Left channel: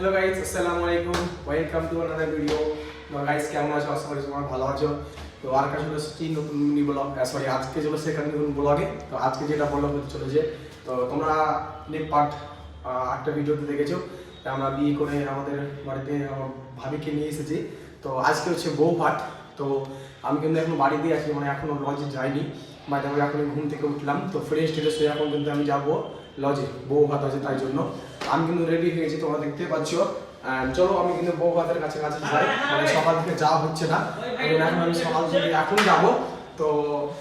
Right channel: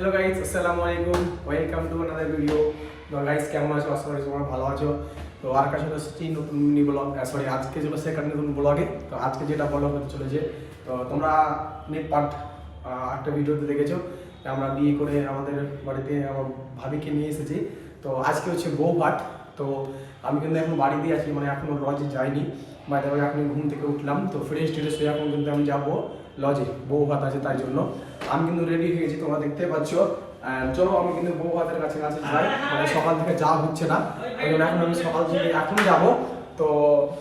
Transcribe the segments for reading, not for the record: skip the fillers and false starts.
Hello guys, আসসালামু আলাইকুম, welcome to another video. তো গাইস, কেমন আছো? আশা করি তোমরা ভালো আছো। তো আর কাছে হচ্ছে নতুন মিনি ব্লগ, সরি আজকে চলে সেকেন্ড নতুন ব্লগে। তো আজকে যেটা ব্লগ হতে চলেছে, তো তোমরা নেক্সট পার্ট একটা ভিডিওতে দেখেছো আমরা বিয়ে করে আমাদের বাড়িতে আমার ভাবিকে নিয়ে এসেছি। তো আজকে হচ্ছে বউ পাঠ। তো আমি কিন্তু এখন বাড়িতেই আছি, মানে এখনো লজে যাইনি। বাইরে এখন ঘুম থেকে উঠলাম, তো ফ্রেশ ট্রেশ হয়ে এখন কিন্তু আমি যাবো লজে, বউ ভাত আছে তাই জন্য। আমি কিন্তু রেডি হয়ে গেছি, তোমরা দেখতে পাচ্ছ। চলো আমি কিন্তু বউ ভাতের কাছে যাই, মানে সকাল থেকে যাওয়া হচ্ছে না, কারণ এখন আমি সকাল থেকে এখন যাব। তো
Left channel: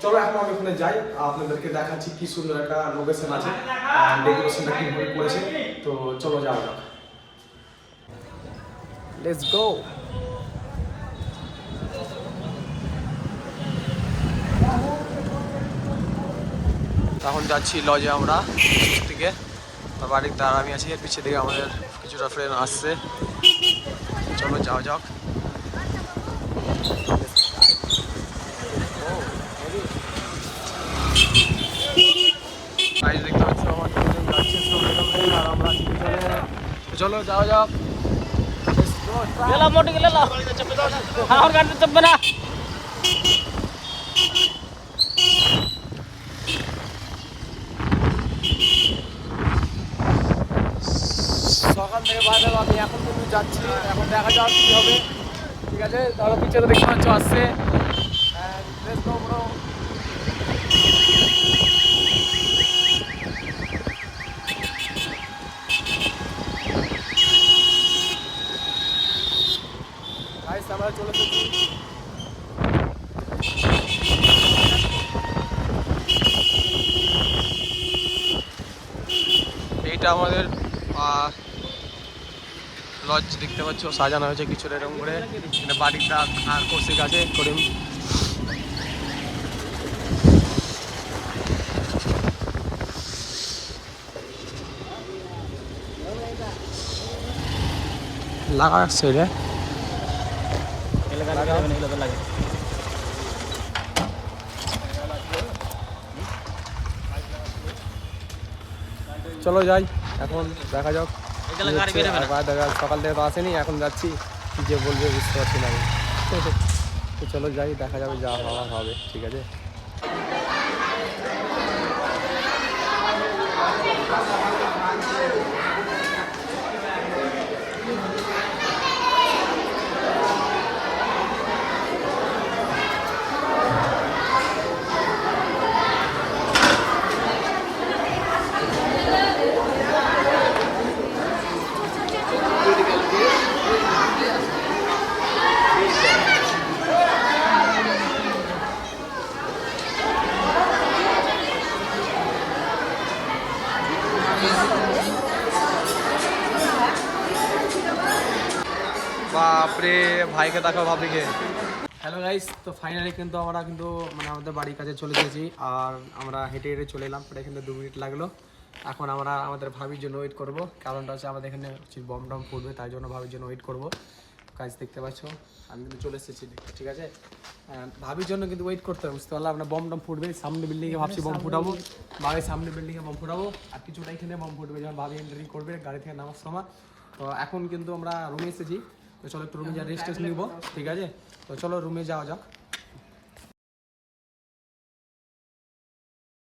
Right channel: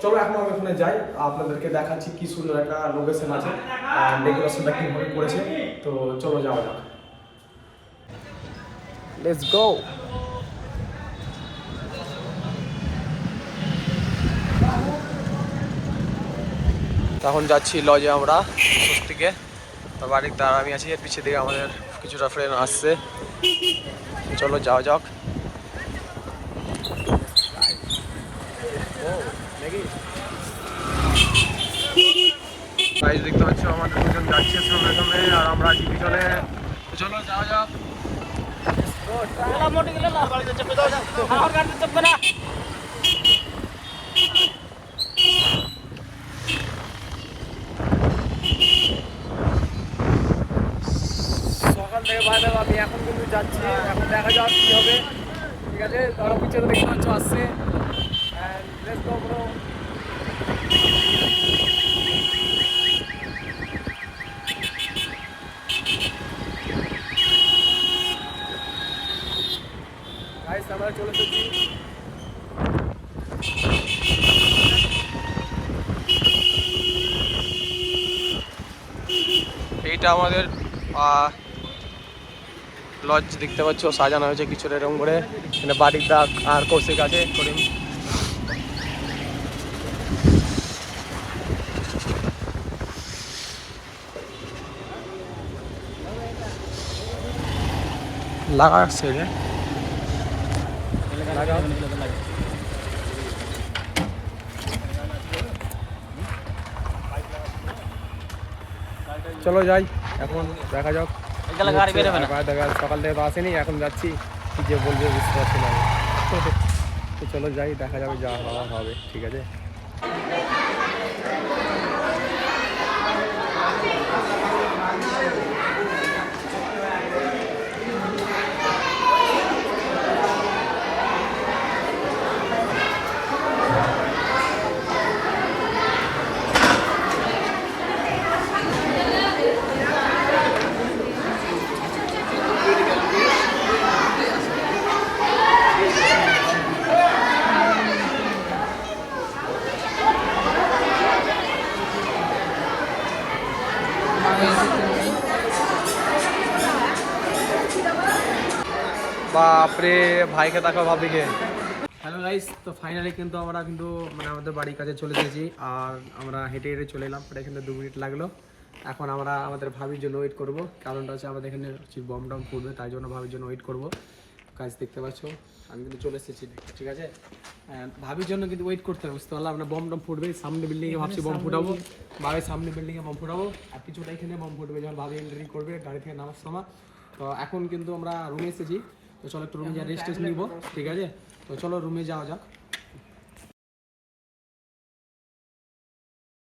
চলো এখন আমি ওখানে যাই, আপনাদেরকে দেখাচ্ছি কি সুন্দর একটা লোকেশন আছে, ডেকোরেশনটা কীভাবে করেছে। তো চলো যাওয়া যাক, লেটস গো। তখন যাচ্ছি লজে আমরা থেকে, বাড়িতে আর আমি আছি, এর পিছিয়ে দিকে আমাদের কিছুটা ফ্রেন্ড আসছে। চলো যাওয়া যাক। গাইস দেখতে পাচ্ছ আমাদের দুজন যাচ্ছে সামনে, আর আমরা আছি পিছনে। চলো যাওয়া যাক। সকাল থেকে বাইরে আমি এখন কিন্তু যাচ্ছি, এখন দেখা যাক কি হবে। ঠিক আছে, তাহলে পিছনে দেখতে পাচ্ছ আসছে। আমরা চলে এসেছি। এইটা আমাদের লজ দেখতে পাচ্ছ, সাজানো হয়েছে কিছুটা এরকম করে। এখানে বাড়ির দাগ আর কৌশিক আছে করিম। লাগা আসছে রে, লাগাও। চলো যাই, এখন দেখা যাক। সকাল থেকে তো আসেনি, এখন যাচ্ছি, কি যে বলবে বুঝতে পারছি না আমি। তো চলো যাই, দেখা যাবে, যা হওয়ার হবে। ঠিক আছে। বাপরে, ভাইকে দেখো, ভাবিকে। হ্যালো গাইস, তো ফাইনালি কিন্তু আমরা মানে আমাদের বাড়ির কাছে চলে এসেছি, আর আমরা হেঁটে হেঁটে চলে এলাম। প্রায় এখানে 2 মিনিট লাগলো। এখন আমরা আমাদের ভাবির জন্য ওয়েট করবো, কারণটা হচ্ছে আমাদের এখানে বম টম ফুটবে, তাই জন্য ভাবির জন্য ওয়েট করবো। গাইস দেখতে পাচ্ছ আমি কিন্তু চলে এসেছি, ঠিক আছে। ভাবির জন্য কিন্তু ওয়েট করতে হবে, বুঝতে পারলাম। আমরা বম টম ফুটবে সামনে বিল্ডিংয়ে, ভাবছি বম ফুটাবো, ভাবির সামনে বিল্ডিংয়ে বম ফুটাবো, আর কিছুটা এখানে বম ফুটবে যখন ভাবি এন্ট্রি করবে গাড়ি থেকে নামার সময়। তো এখন কিন্তু আমরা রুমে এসেছি, তো চলো একটু রুমে যা রেস্ট নিব। ঠিক আছে, তো চলো রুমে যাওয়া যাক।